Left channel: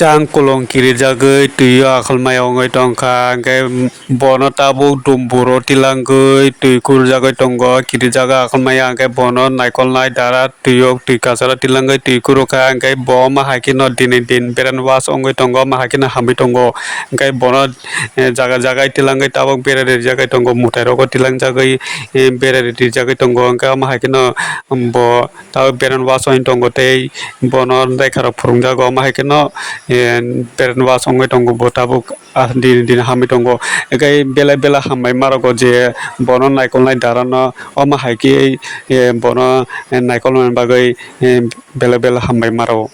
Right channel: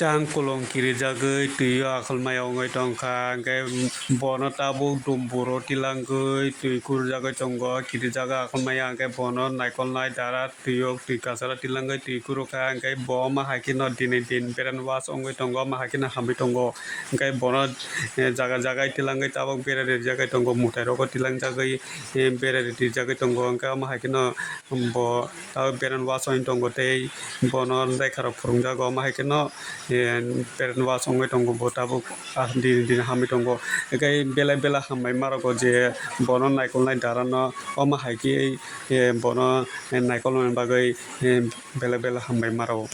chang kolong kiri jagoi tuyo akhalmai ongoi tongkha hingke bono tabuk dumburo tilangoi tui kurjagoi tongo kiri jaga akhalmaya hingke bono naikol nai dara tuyo tui kasaro tilangoi tui kurukha hingke bo mahai no dini din beran was ongoi tongo mahai no hamui tongo hingke bono jaga jaga tilangoi tabuk berari jagai tongo mutai rogo tilangjagoi berari rijagoi tongo hingke mahai no bo tabuk beran was ongoi tongo tei bono reka rok phurungjago mahai no beran was ongoi tongo bo tabuk dini din hamui tongo hingke belai belai hambai marogo je bono naikol nai dara no o mahai bono naikol ni bagoi belai belai hambai maro.